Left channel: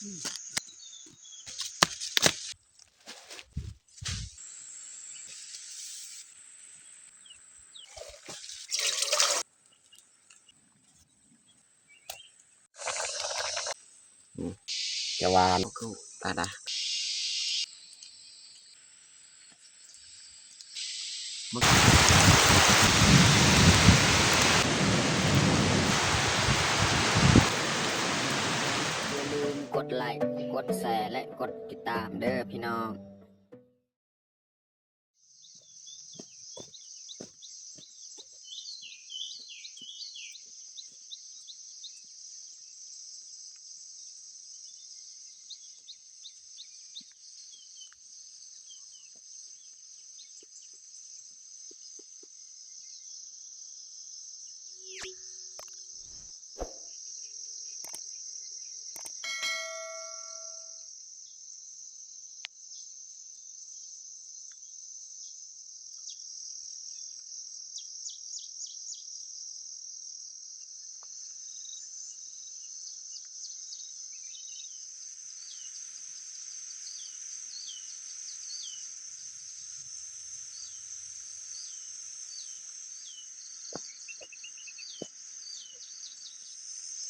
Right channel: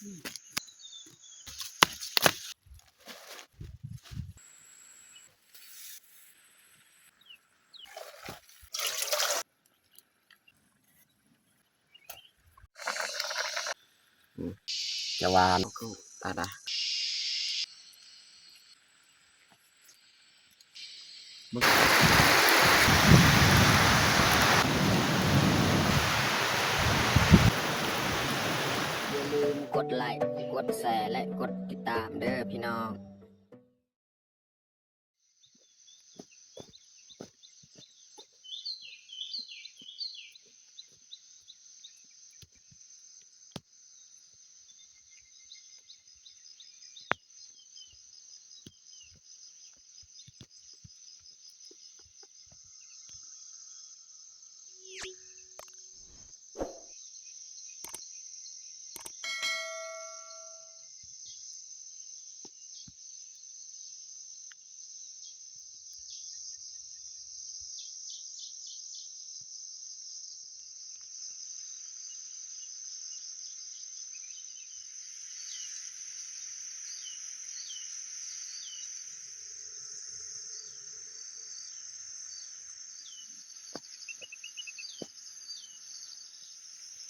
จะวานตาดาอย่าลืมกดไลค์กดแชร์และกดติดตามเด้อพี่น้อง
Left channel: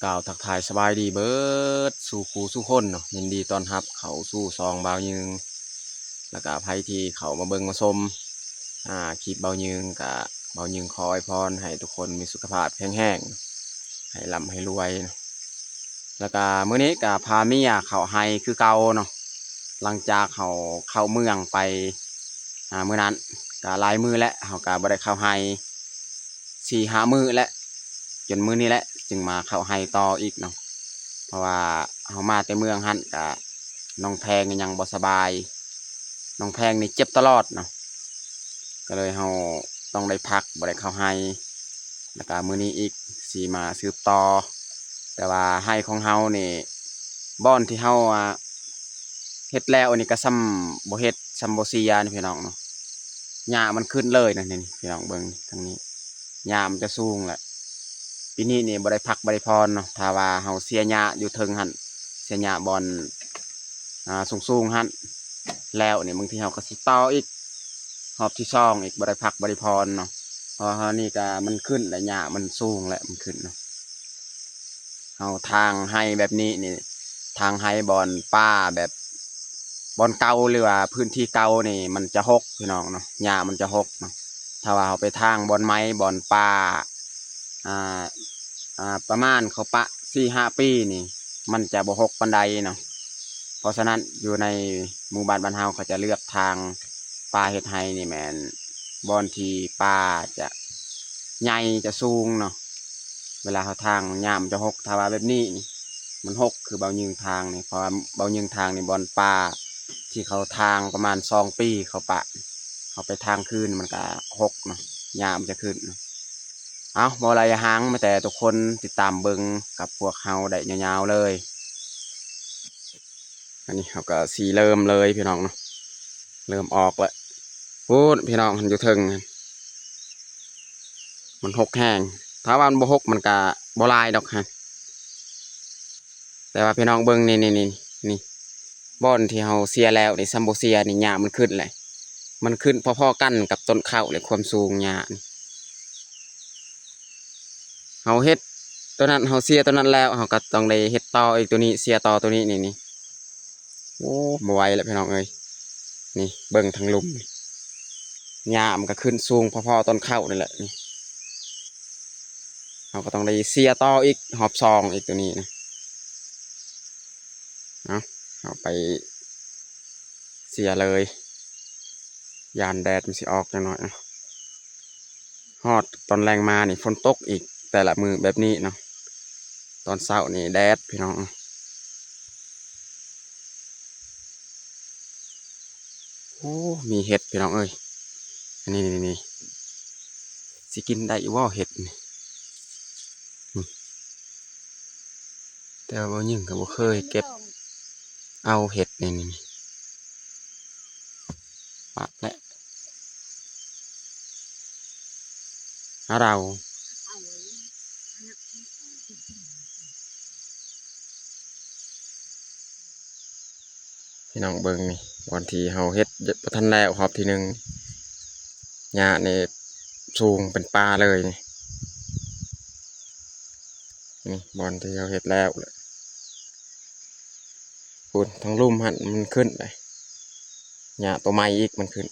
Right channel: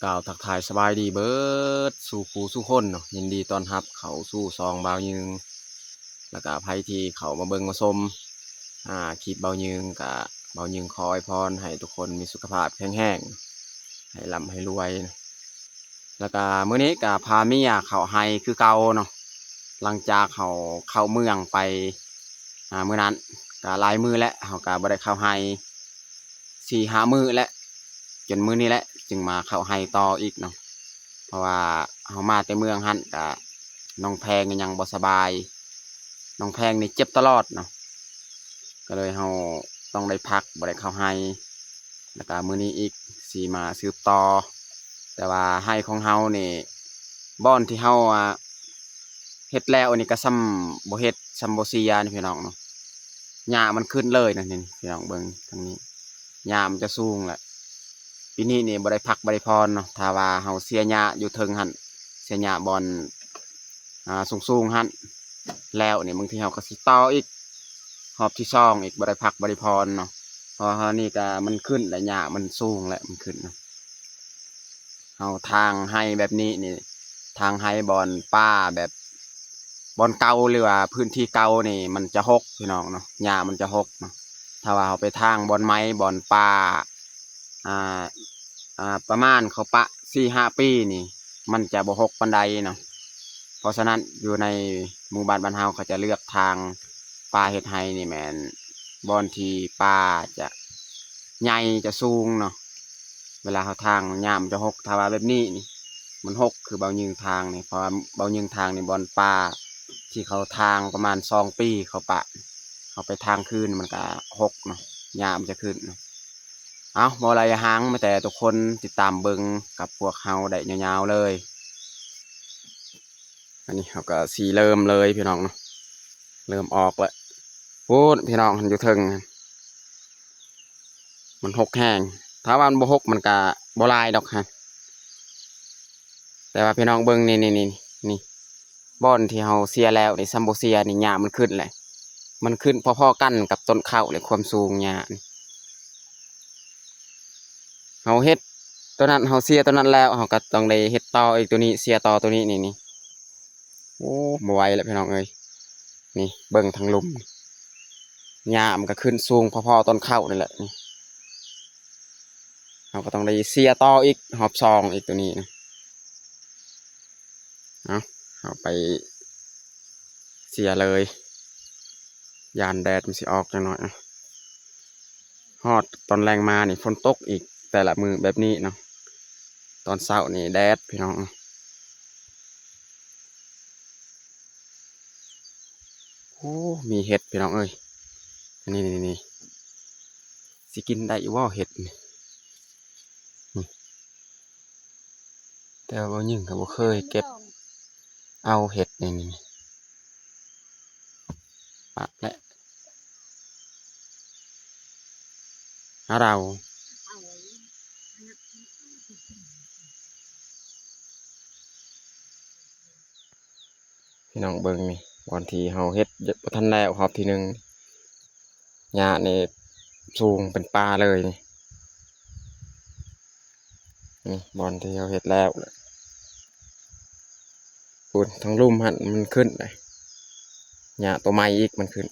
กล่าวทักทายสบายดีเบิดสู่ครูสู่คนเนาะยินดีต้อนรับเขาสู่ซองเบายึงแล้วก็ภัยที่เขามาเบิ่งมาชมคลิปเบายึงกับเบายึงขออวยพรให้ทุกคนมีสุขภาพแข็งแรงให้ร่ำให้รวยแล้วก็มื้อนี้ก็พาเมียเขาไฮคือเก่าเนาะหลังจากเขาเข้าเมืองไปมื้อนั้นก็หลายมื้อแล้วเขาก็บ่ได้เข้าไฮ4-5 มื้อแล้วจนมื้อนี้แหละจึงมาเข้าไฮต่ออีกเนาะเพราะว่าเขามาแต่เมืองหั่นก็น้องแพงยังบ่สบายน้องแพงนี่เจ็บตลอดเนาะก็เลยเขาต้องได้พักบ่ได้เข้าไฮแล้วก็มื้อนี้อีกสิมาสืบต่อแต่ว่าไฮของเฮานี่บ่อนที่เฮาเฮ็ดแล้วนี่ก็ซ้ำบ่เฮ็ดซ้ำบ่เสียนี่พี่น้องเนาะหญ้ามันขึ้นเลยนั่นนี่พี่น้องเบิ่งทางนี้หญ้ามันจะสูงแหละปีนี้นี่บ่ได้พักบ่ได้พรเนาะถ้าว่าเฮาเสียหญ้าอยู่เทิงหั่นเสียหญ้าบ่อนสูงๆหั่นแล้วนี่บางทีเฮาก็สิต่ออีกรอบที่2อีกบ่ได้พักบ่ได้พรเนาะเพราะเฮานี่ก็มันขึ้นแล้วหญ้ามันสูงแล้วมันขึ้นเนาะเฮาทางให้แบบนี้นี่ทางให้บ่อนป้าแบบบ่อนเก่าหรือว่าพื้นที่เก่านี่มันจะหกพี่น้องเนาะหญ้ามันจะหกเนาะถ้าว่าเฮาไปทางบ่อนไม้บ่อนป่าอ่าประมาณเขาปะ4-5 ปีนี่มันจะบ่หกปานใดเนาะเพราะฉะนั้นอยู่ในหมู่บ้านบ้านเฮาเขาจะเลือกทางป่าเฮ็ดไร่นี่แม่นบ่อนที่ป่าจะใหญ่จะสูงเนาะเวลาเขาทางหญ้ามันจะหกถ้าว่าแบบนี้นี่มันหกคือเบายิงทางนี่เพราะว่าเบายิงทางนี่บ่อนป่าที่เขาทางประมาณ2 ปีเขาปะเขาไปทางคืนมันก็หกเนาะหญ้ามันจะขึ้นเนาะ เอาบ่อะไรหางมาแต่ทุกคนติดตามเบิงกับพวกเฮาได้ยาวๆเลยอันนี้เขาก็สีเริ่มเลยพี่น้องเนาะเริ่มออกแล้วพูดพี่น้องมันอยู่เทิงมันหกแห้งถ้าว่ามันบ่หกมันก็บ่ลายดอกฮะแต่ว่าพี่น้องเบิงนี่บ่อนที่เฮาเสียแล้วนี่ซัมโบเซียนี่หญ้ามันขึ้นเลยมันขึ้นพอๆกันกับต้นข้าวเลยความสูงหญ้านี่เฮาเฮ็ดตัวนั้นเฮาเสียตัวนั้นแล้วเฮาก็ต้องได้เฮ็ดต่ออีกตัวนี้เสียต่อตัวนี้นี่โอ้บ่ไหวแล้วพี่น้องเอ้ยนี่เบิ่งทางลุ่มหญ้ามันก็ขึ้นสูงพอๆต้นข้าวนี่แหละนี่เราก็ต้องได้เสียต่ออีกหอบซองอีกตัวนี้นะเอาไปเสียเลยยานแดดมันสิออกจังหน่อยนะฮอดตอนแรงมานี่ฝนตกอีกแต่ละมือแบบนี้เนาะตอนเช้านี่แดดพี่น้องโอ้มีเห็ดพี่น้องเอ้ยนี่สิกินได้ว่าเห็ดนี่แต่ว่ายิ่งก็บ่เคยเก็บเอาเห็ดนี่ปะและเรา พี่น้องเบิ่งนี่บอนที่เฮาเฮ็ดบ่ทันแล้วรอบที่หนึ่งหญ้านี่สูงเป็นป่าเลยนี่บอนที่เฮาเฮ็ดแล้วพูดทั้งลุ่มหันมันขึ้นเลยหญ้าตัวใหม่อีกมันขึ้น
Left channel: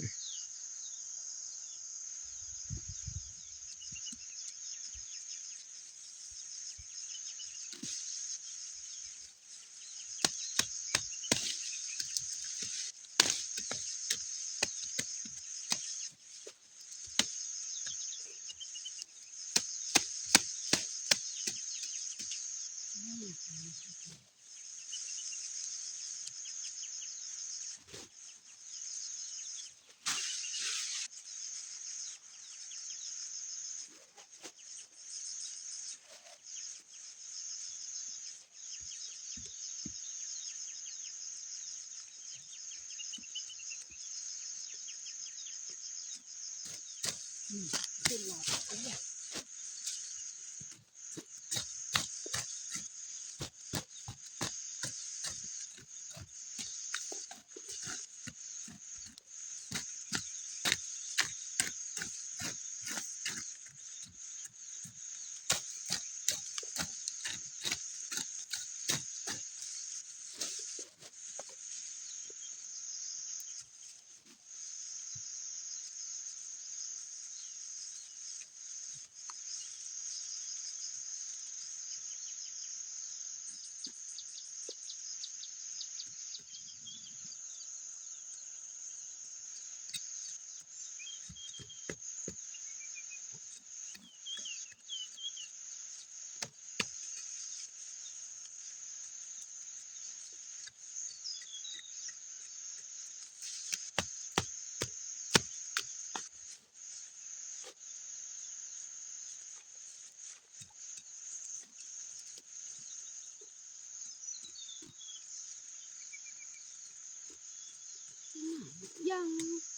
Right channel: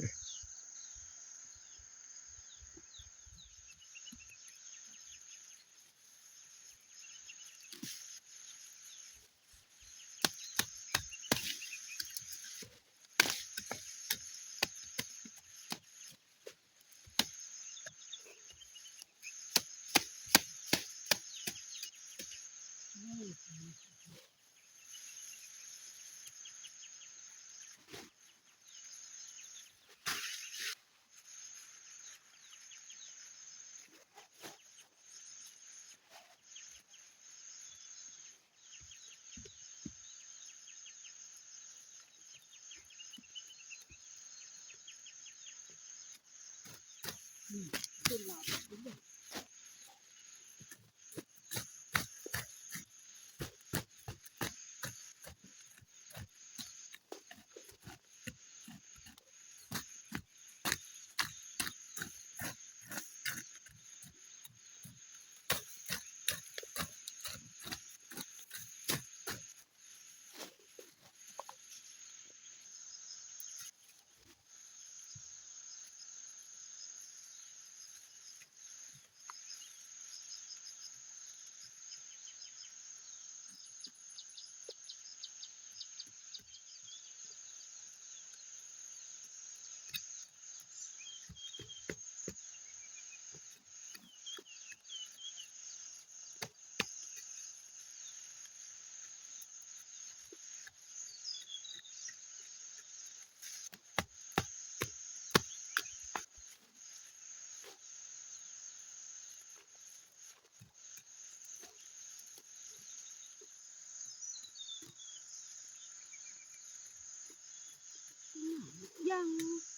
ยัง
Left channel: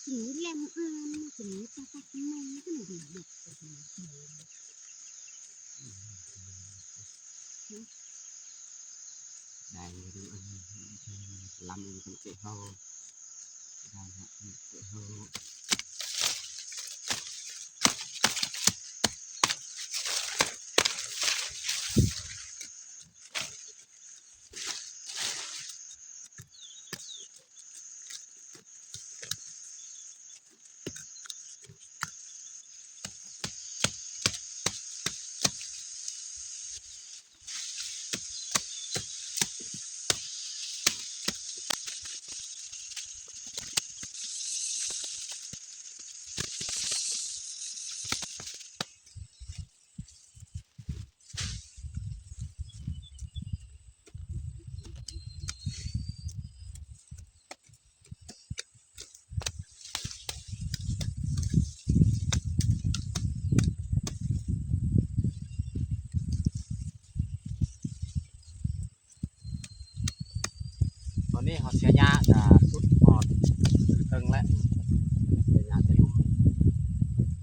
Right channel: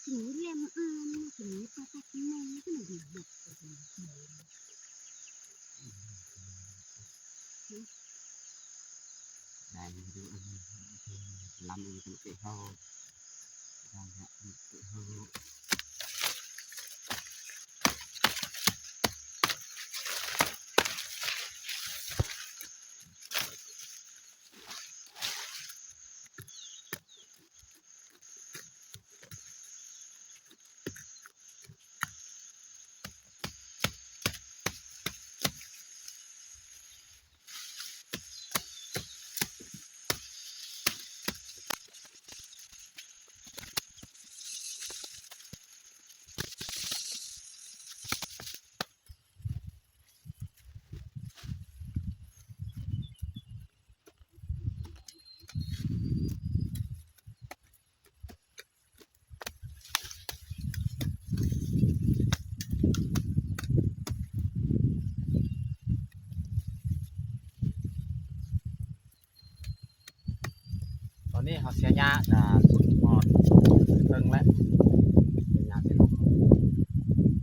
ถึงแลมอานถึงปลาตะกมันก็หนูดูแบบได้ดูอันลำมันเกะเฮาได้ฮะเกะเฮาตอนนี้เขาเสียหญ้าจะสุดหอดตึงแล้วเสียหญ้าเสียลม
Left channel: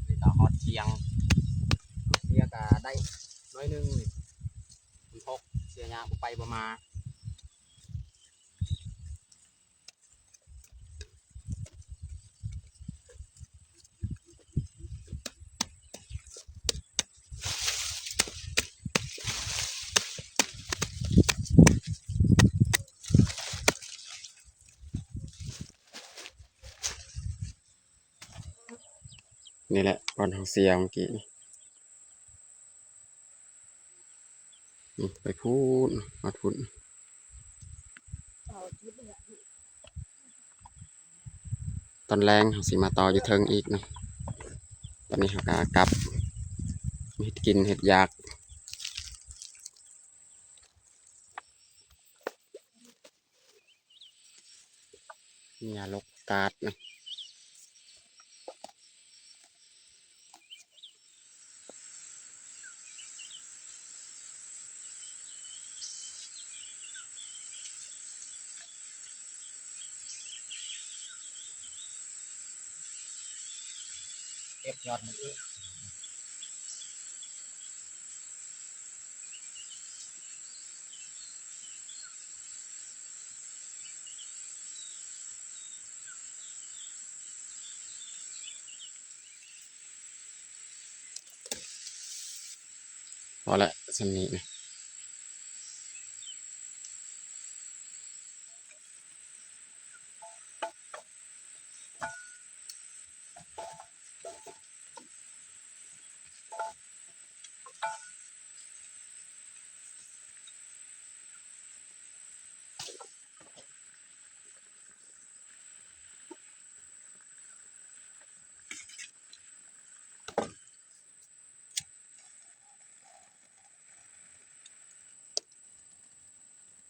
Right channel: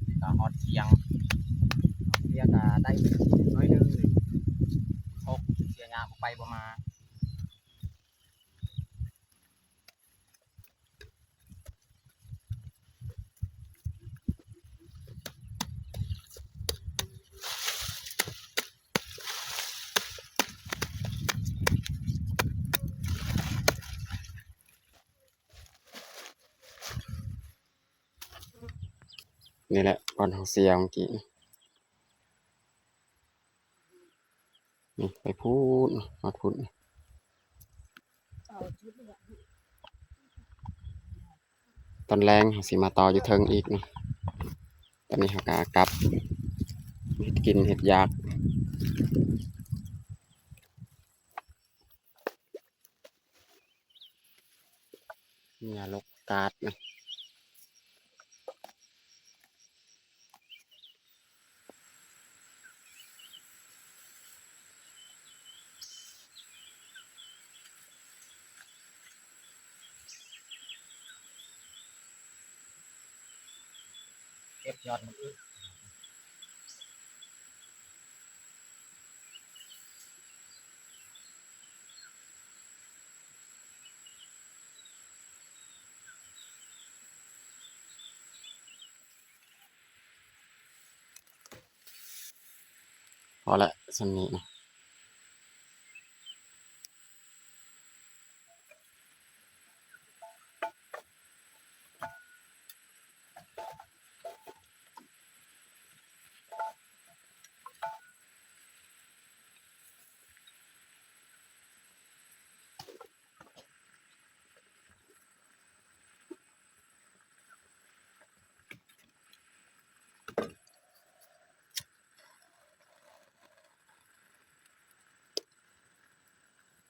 นี่ก็ฮอดเชียงเสียก็ได้น้อยหนึงนี่คุณพกเสียหญ้าบ่ไปบ่มานี่แหละบอนเขาเสียเมื่อกี้นี่ไปพูดมาพูด ต่อชุดเลยอ่ะ ตอนแรงเขาสิมาต่ออยู่เทิงอีกเนาะตอนนี้เขาก็กลับเห็ดกินเห็ดยากเนี่ยลกกาดนะเก็บยอดมือ พอละสำนี้นะ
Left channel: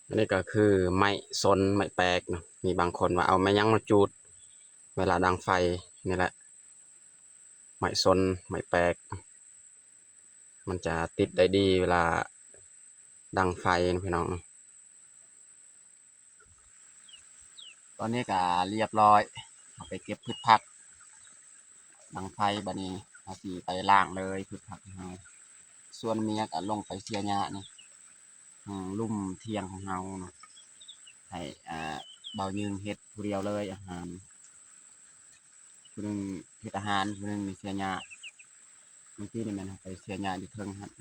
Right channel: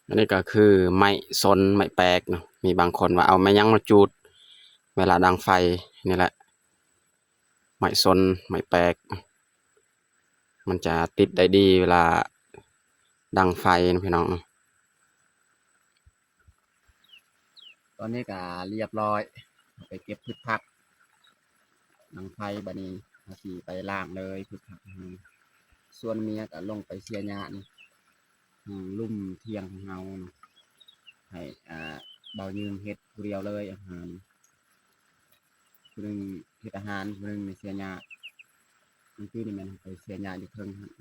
อันนี้ก็คือไม้สนไม้แปลกเนาะมีบางคนว่าเอาไม้ยั้งมาจูดเวลาดังไฟนี่แหละไม้สนไม้แปลกมันจะติดได้ดีเวลาดังไฟนะพี่น้องตอนนี้ก็เรียบร้อยเอาไปเก็บพืชผักดังไฟบัดนี้เอาสีไปล้างเลยพืชผักของเราส่วนเมียก็ลงไปเสียหญ้านี่ลุ่มเทียงของเราเนาะให้เบายืงเฮ็ดผู้เดียวเลยอาหารผู้หนึงเฮ็ดอาหารผู้หนึงมีเสียหญ้าบางทีนี่มันเอาไปเสียหญ้าอยู่เทิงหั่น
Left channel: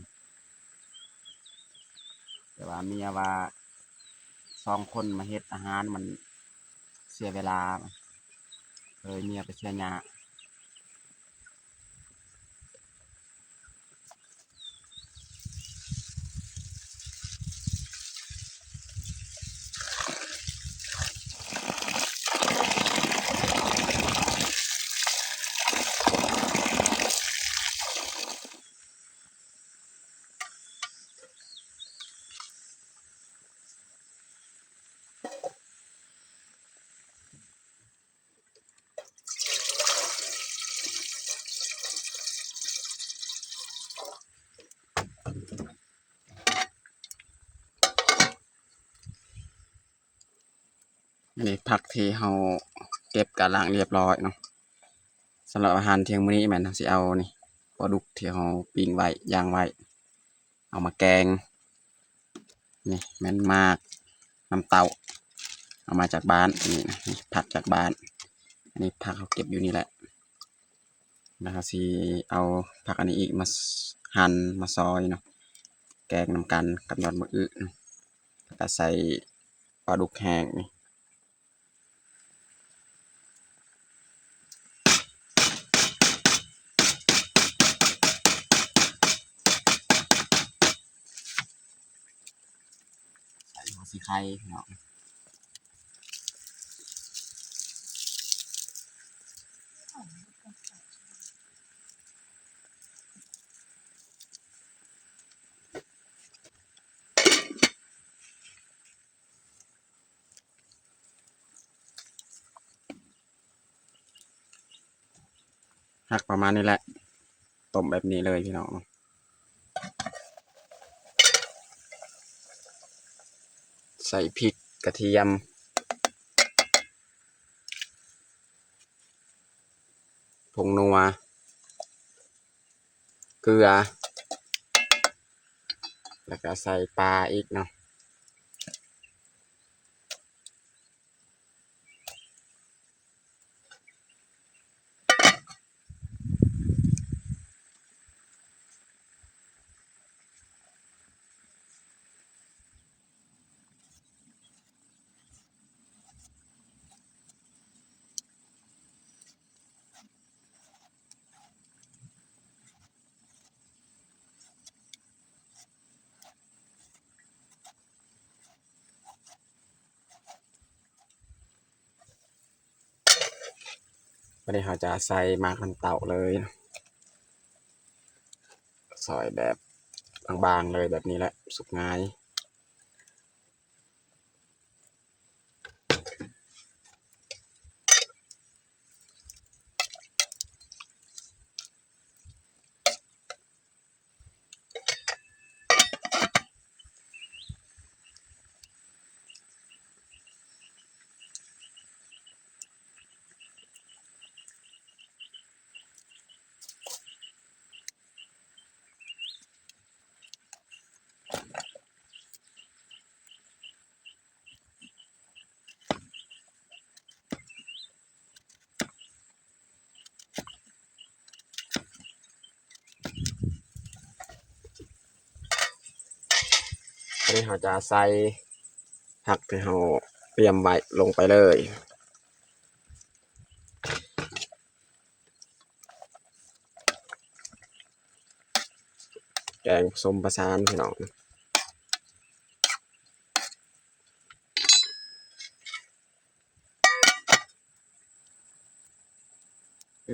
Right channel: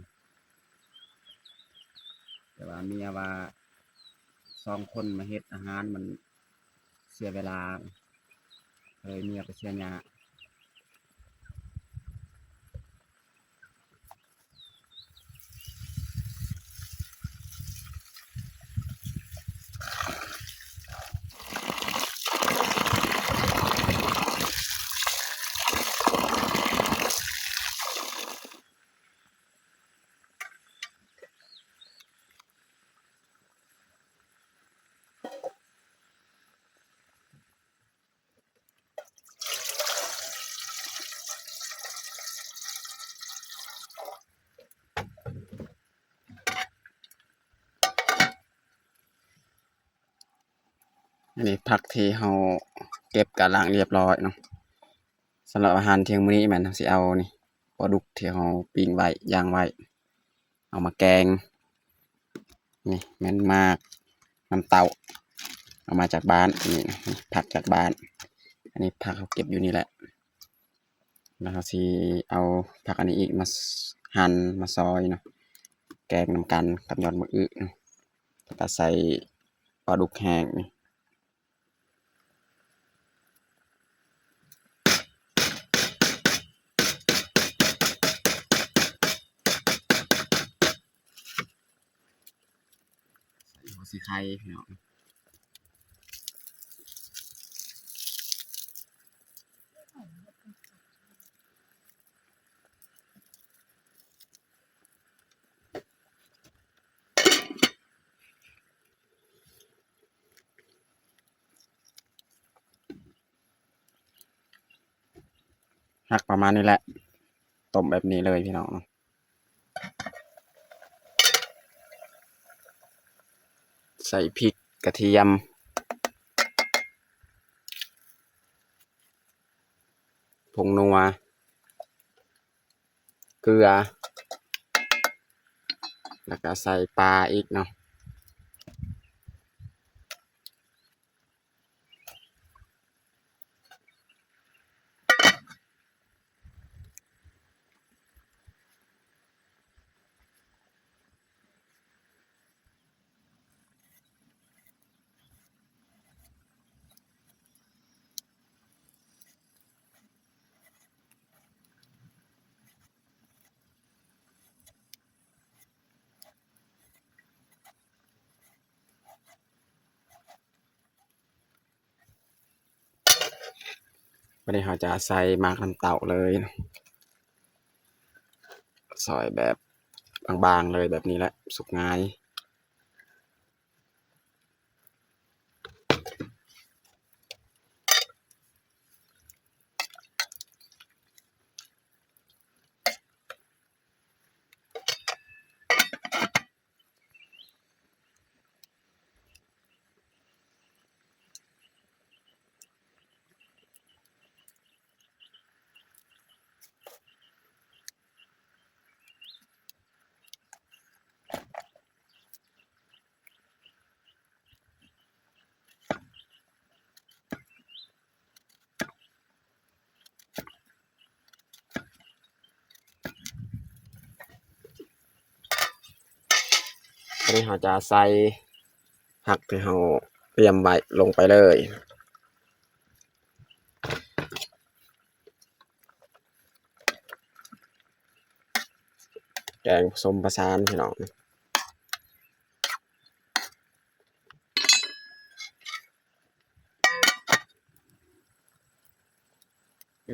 แต่ว่าเมียว่า2 คนมาเฮ็ดอาหารมันเสียเวลาเลยเมียไปเสียหญ้าอันนี้ผักที่เราเก็บกะล้างเรียบร้อยเนาะสำหรับอาหารเที่ยงมื้อนี้แม่นสิเอานี่ปลาดุกที่เราปิ้งไว้ย่างไว้เอามาแกงนี่แม่นมากน้ำเต้าเอามาจากบ้านนี่นะผักจากบ้านอันนี้ผักเขาเก็บอยู่นี่แหละแล้วก็สิเอาผักอันนี้อีกมาหั่นมาซอยเนาะแกงนำกันกับยอดมะอึแล้วก็ใส่ปลาดุกแห้งนี่ใส่หัวสีไข่พี่น้องผักประมาณนี้แหละต้มแบบนี้เลยพี่น้องใส่พริกกระเทียมผงนัวเกลือแล้วก็ใส่ปลาอีกเนาะวันนี้เราจะใส่หมากน้ำเต่าเลยซอยแบบบางๆเลยแบบนี้แหละสุกง่าย อันนี้เราจะใส่ผักที่เราเตรียมไว้ลงไปเลยแกงผสมผสานพี่น้อง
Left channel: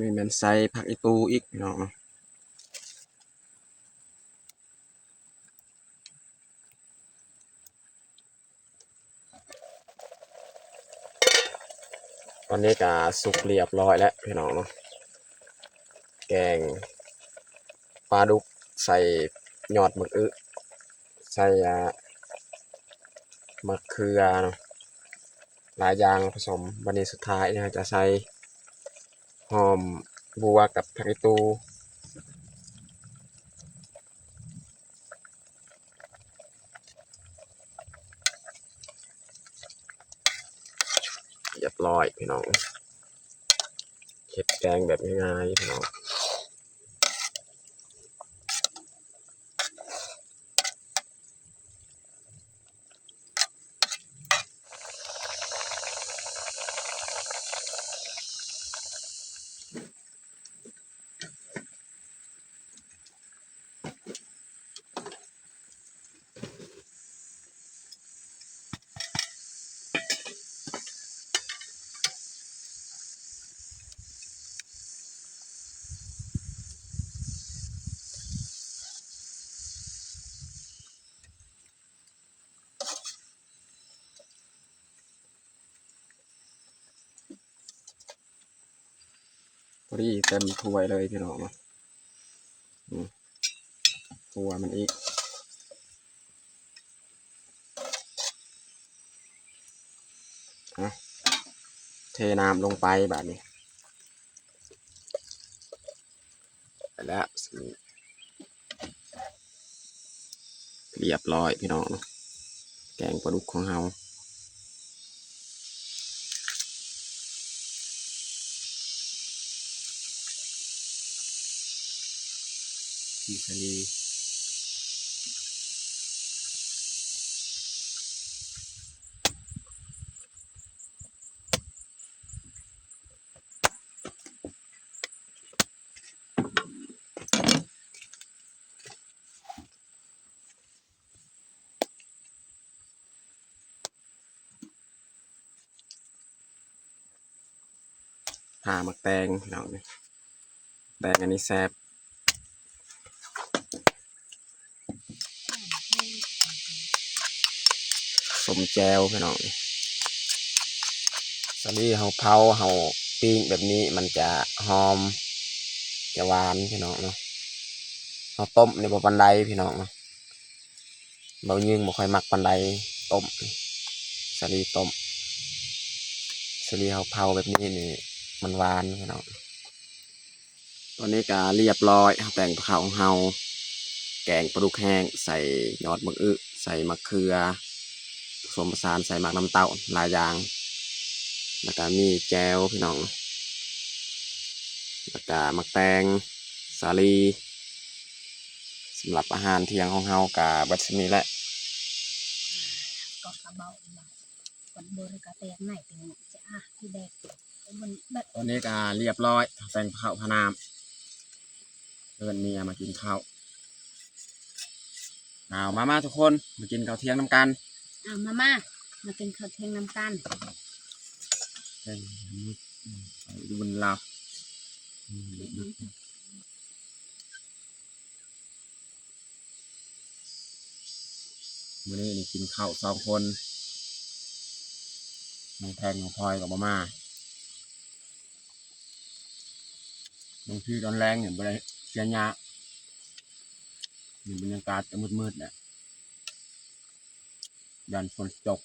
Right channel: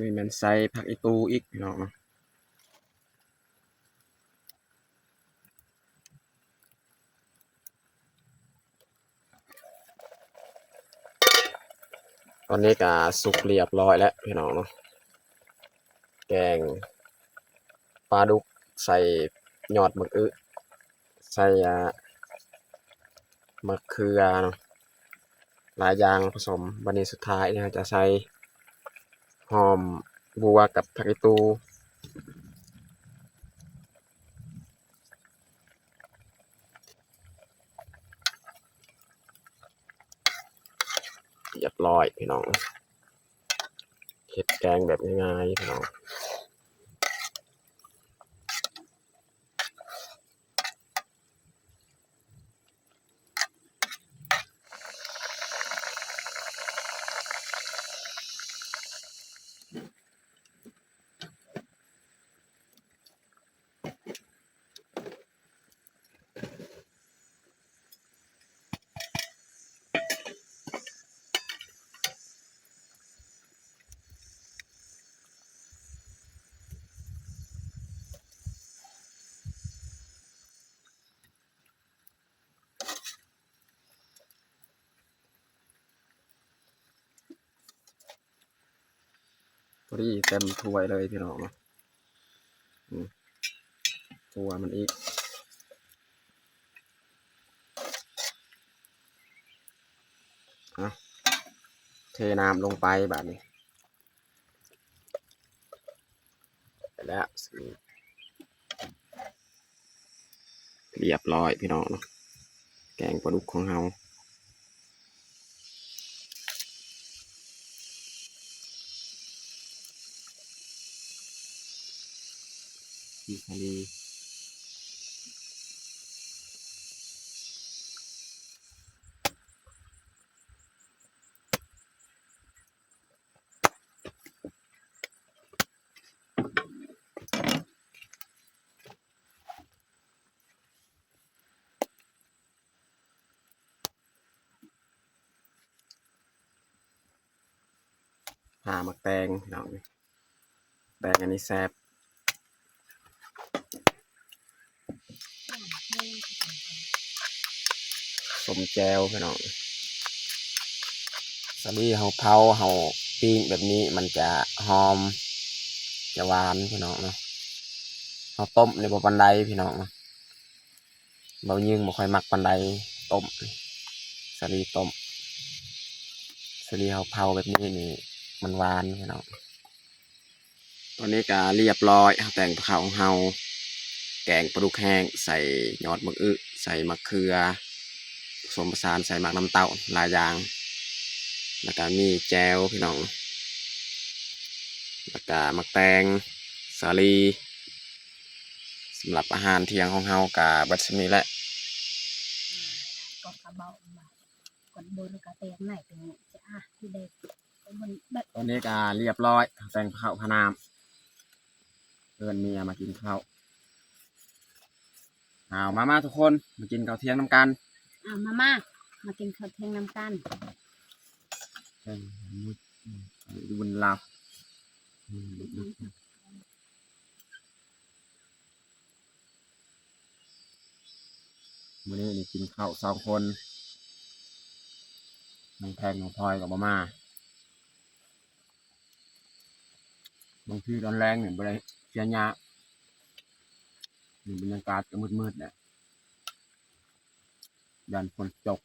นี่มันใส่ผักอีตูอีกพี่น้องตอนนี้ก็สุกเรียบร้อยแล้วพี่น้องเนาะแกงปลาดุกใส่ยอดมะอึใส่มะเขือเนาะหลายอย่างผสมวันนี้สุดท้ายเนี่ยจะใส่หอมบัวกับผักอีตูเรียบร้อยพี่น้องเห็ดแกงแบบง่ายๆพี่น้องพอดีเต็มถ้วยเลยพี่น้องเนาะตัวมันอีกเทน้ำลงไปแบบนี้ไปแล้วเรียบร้อยพี่น้องเนาะแกงปลาดุกของเราซีซารีผ่ามักแตงพี่น้องเนี่ยแตงอันนี้แซ่บสมแจวพี่น้องสาลีเฮาเผาเฮาปิ้งแบบนี้มันจะหอมจะหวานพี่น้องเนาะเฮาต้มในบ่ปานใดพี่น้องเนาะเบายิงบ่ค่อยมักปานใดต้มสาลีต้มสาลีเฮาเผาแบบนี้นี่มันหวานพี่น้องตอนนี้ก็เรียบร้อยแต่งข้าวของเฮาแกงปลาดุกแห้งใส่ยอดมะอึใส่มะเขือผสมผสานใส่หมักน้ำเต้าหลายอย่างแล้วก็มีแจวพี่น้องแล้วก็มักแตงสาลีสำหรับอาหารเที่ยงของเฮากับบัดนี้แหละ ก็กระเบาบาดก่อนโดนกระแตกไหนเป็นจะที่แดกมันแบบ ตอนนี้ก็เรียบร้อยแต่งข้าวพนามเพื่อนเมียมากินข้าวเอามาทุกคนมากินข้าวเที่ยงน้ำกัน มากินข้าวเที่ยงน้ำกันใช่มุดดูบนลาวมื้อนี้นี่กินข้าว2 คนน้องแพงน้องพลอยกับมาบางทีตอนแรงเนี่ยบ่ได้เสียหยานี่บรรยากาศจะมืดๆเนี่ยยันฝนตก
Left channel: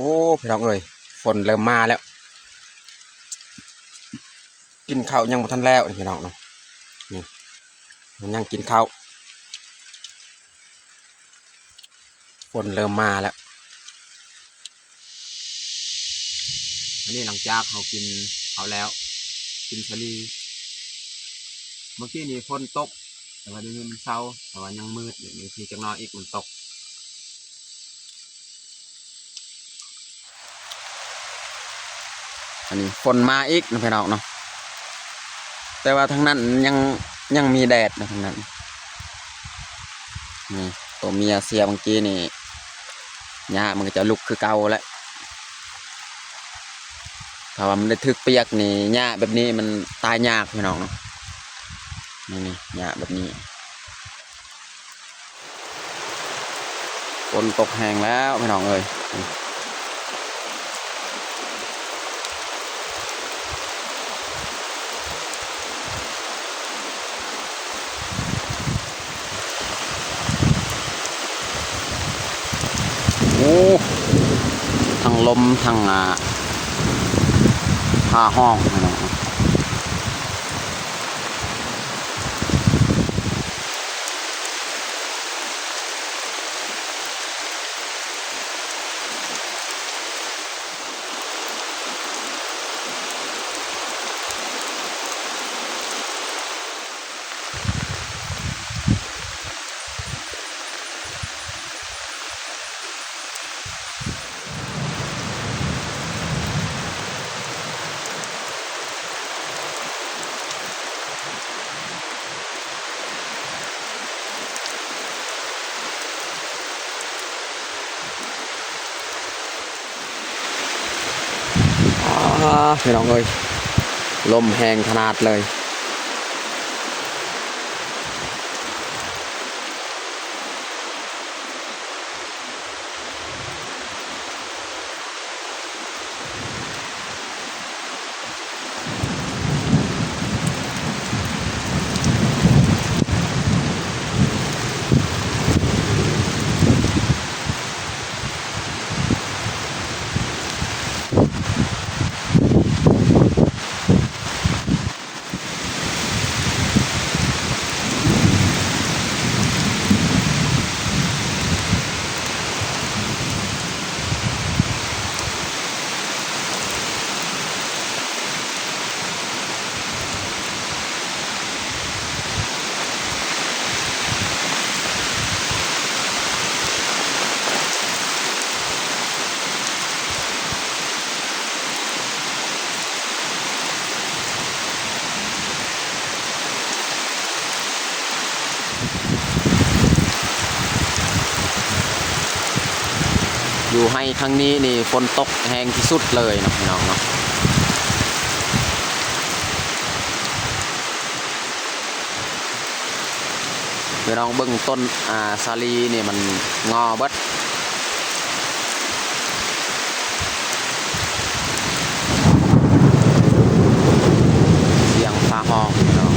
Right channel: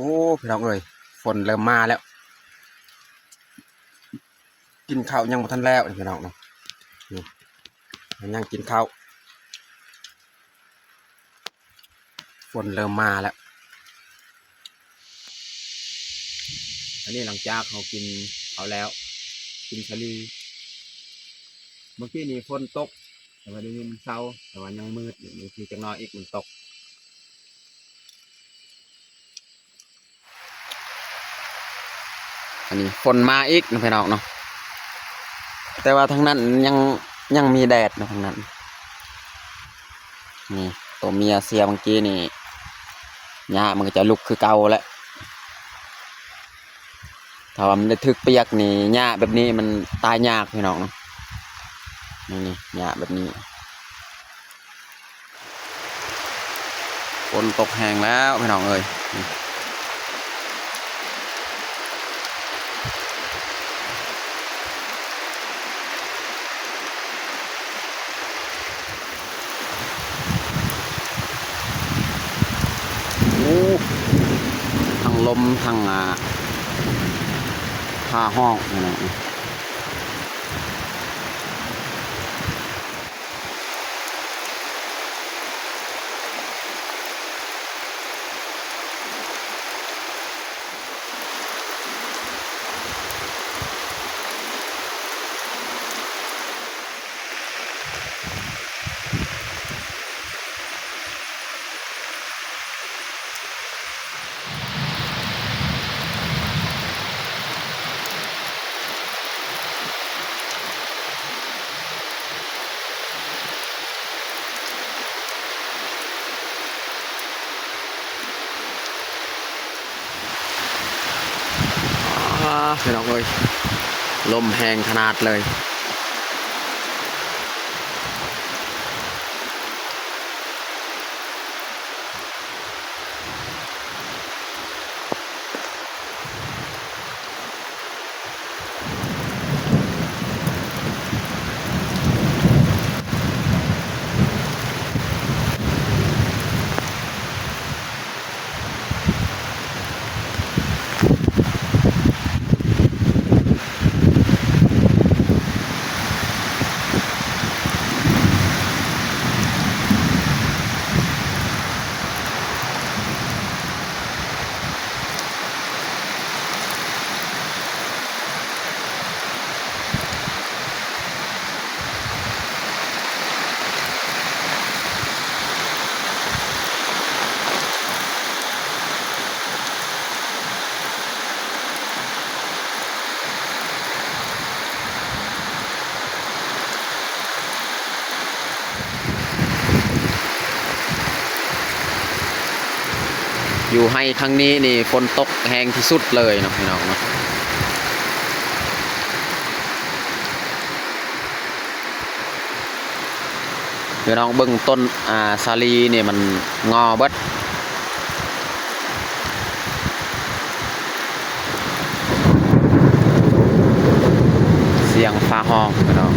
โอ้พี่น้องเอ้ยฝนเริ่มมาแล้วกินข้าวยังบ่ทันแล้วนี่พี่น้องเนาะนี่มันยังกินข้าวฝนเริ่มมาแล้วอันนี้หลังจากเขากินเขาแล้วกินชะลีเมื่อกี้นี่ฝนตกแต่ว่าเดี๋ยวนี้มันเช้าแต่ว่ายังมืดอยู่นี่คือจังน้อยอีกมันตกอันนี้ฝนมาอีกนะพี่น้องเนาะแต่ว่าทางนั้นยังมีแดดนะทางนั้นนี่ตัวเมียเสียเมื่อกี้นี่หญ้ามันก็จะลุกคือเก่าแล้วถ้าว่ามันได้ทึกเปียกนี่หญ้าแบบนี้มันตายยากพี่น้องเนาะนี่หญ้าแบบนี้ฝนตกแห้งแล้วพี่น้องเอ้ยโอ้ทั้งลมทั้งผ้าห้องพี่น้องเนาะพี่น้องเอ้ยลมแห้งขนาดเลยอยู่ให้ครั้งนี้นี่ฝนตกแห้งที่สุดเลยเนาะพี่น้องเนาะพี่น้องเบิ่งต้นสาลีเนี่ยมันงอเบิดเสียงฟ้าห้องพี่น้อง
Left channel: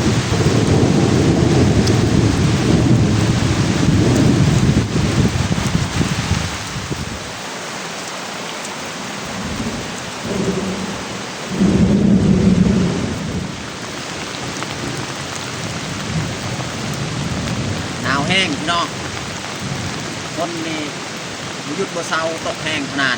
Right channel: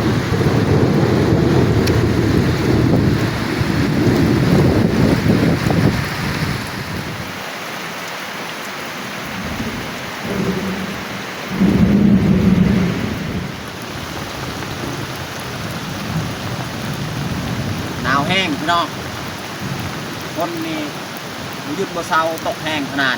หนาวแห้งพี่น้องฝนนี่บ่หยุดบ่เซาตกแห้งขนาด